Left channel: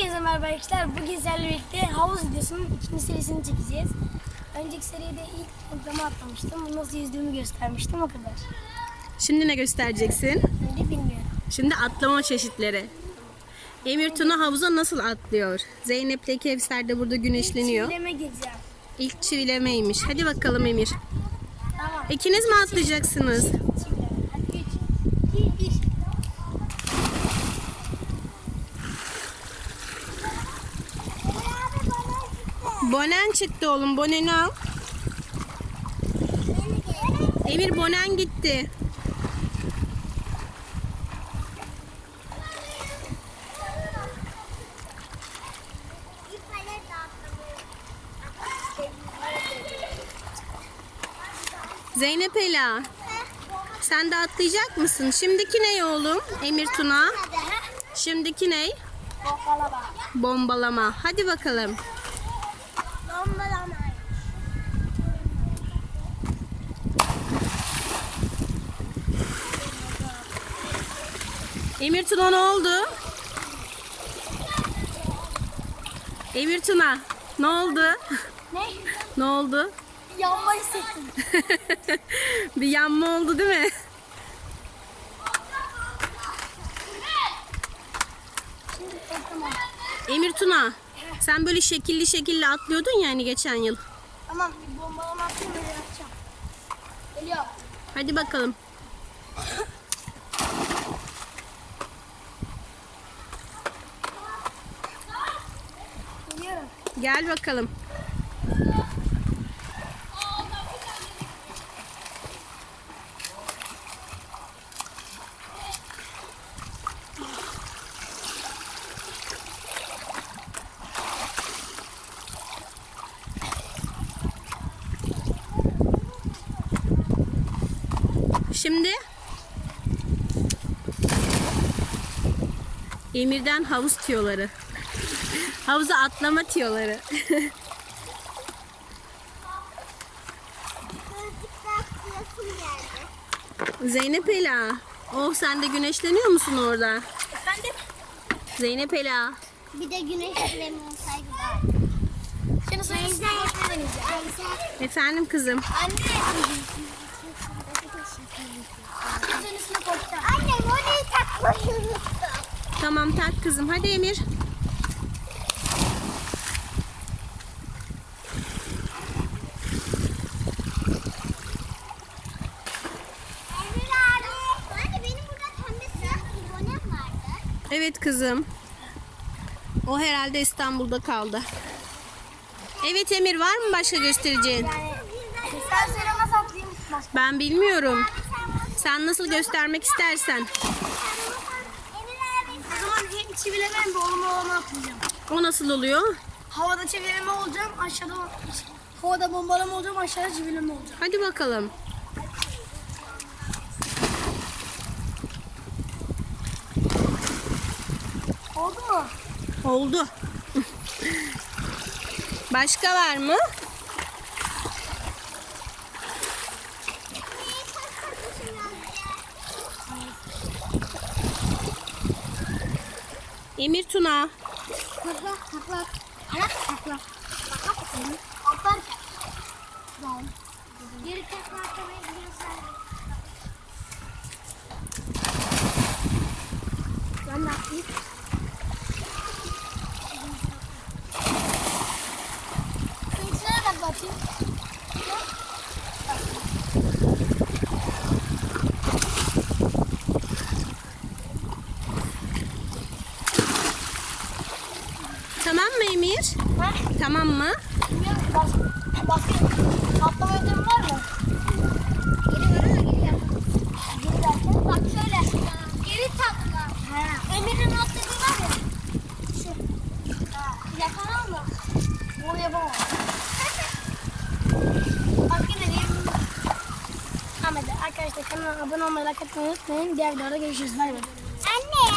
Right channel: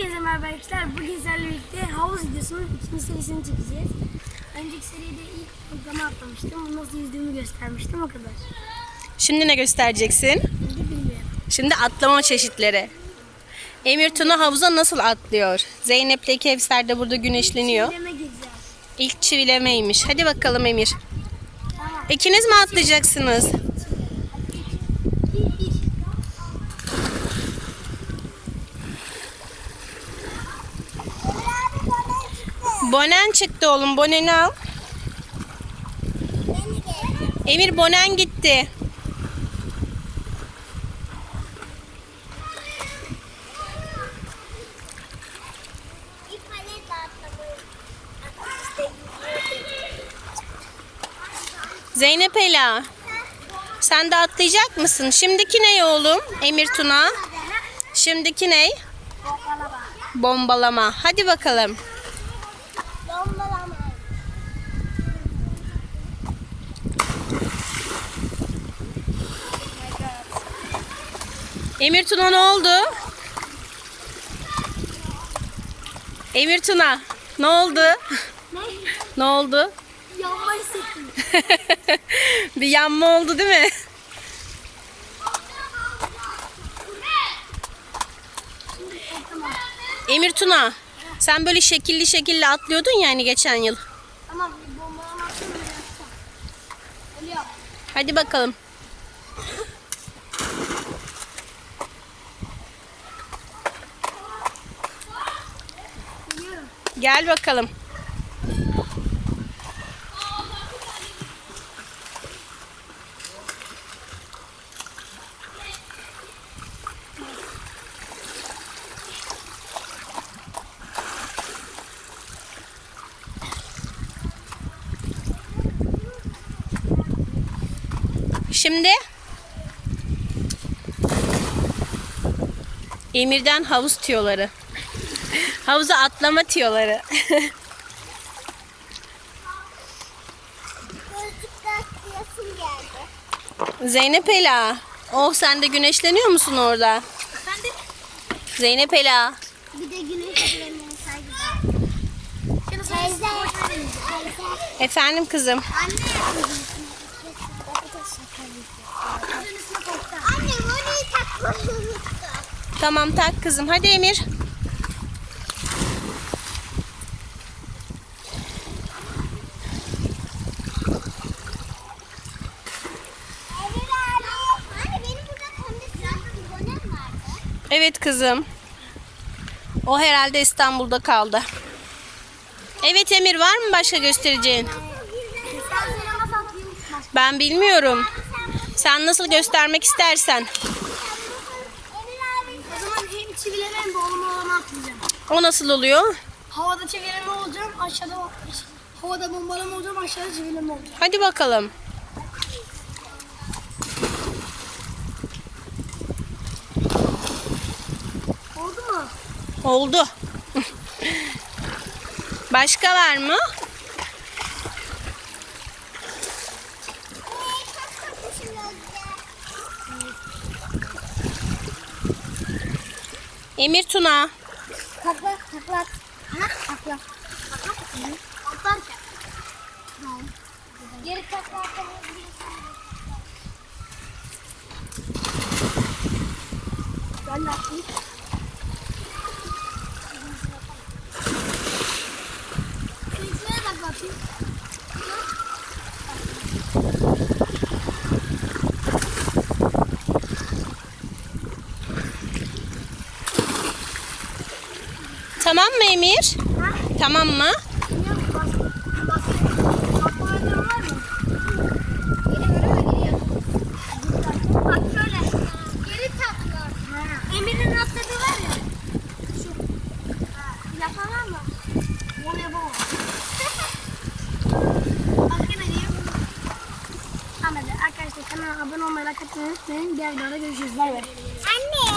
Hepinize merhaba arkadaşlar. Bugün sizlerle birlikte havuz videosunun ikinci serisini çekeceğiz. Önceki seride ilk programa atlamıştım. Nasıl yüzdüğümü göstermiştim o kadar. Şimdi ne göstereceksin? Şimdi bilmiyorum. Şimdi atlama çeşitleri. Emir Tuna havuza nasıl atlıyor? Zeynep ile Kevser de burada güneşleniyor. Çivileme gireceğim. İlk çivilemeymiş. Hadi bakalım Emir. Tamam. İkiniz mi atlayacaksınız? Çivileme. Hadi geç. Gir, gir. Bonen çıktı oğlum. Boneni al. Emir bonen gitti. Zeynep Ela. Sen de atlayacak mısın? Şimdiki ne oğlum? Emir Tuna. Şimdiki ne? Bombalama. Bombalama. Hadi bakalım. Bombalama. Emir Tuna ne oldu? Emir Tuna ne oldu? Ne? Ne oldu? Yanma hissettim. Bir yanma oldu değil mi? Emir Tuna sen böyle şekilli şekilli atlıyordun ya hani geçen yıl. Tamam bir bombalama attım öyle yapacağım. Geliyorum. Hadi bakalım. Gel bakalım. Şimdi Emir'den havuz tiyoları. Havuza atlama tiyoları. Zeynep Ela. Oh sen de güneşleniyor musun orada? Efendim? Zeynep Ela. Bir de güneş kremi olsaydı daha Teyze. Efendim kızım. Anne orayı takmayı unuttum. Tamam tak kızım. Hadi Emir. Emir Evet kızım. O herhalde İstanbul'da kaldı. Evet Emir var mı başka göstereceğin? Ben bilmiyorum. Sen nasıl göstermek istersen. O zaman hem çivileme hem bombalama atlayacağım. O nasıl oluyor? Havada çevirme olacağım, aşağıda havada bombalama olacağım, aşağıda çevirme olacağım. Hadi bakalım. Oldu mu? Oldu. Başka var mı? Emir Tuna. Takla takla. Ha takla. Geri takla biliyorsan. Ben de. Şu ikilere takla atayım. Tamam mı Emir? Ha? Tamam mı? Bilmiyorum bas, bas. Atlama ödülüm var mı? Bak şöyle. Geri. Ha. Emir'in atladığı var ya. Şu. Ha, Yapamam mı? Bunu yapamam. Arkadaşlar kanala abone olmayı, like atmayı unutmayın. Diğer videoda görüşürüz. Bay bay. Anne.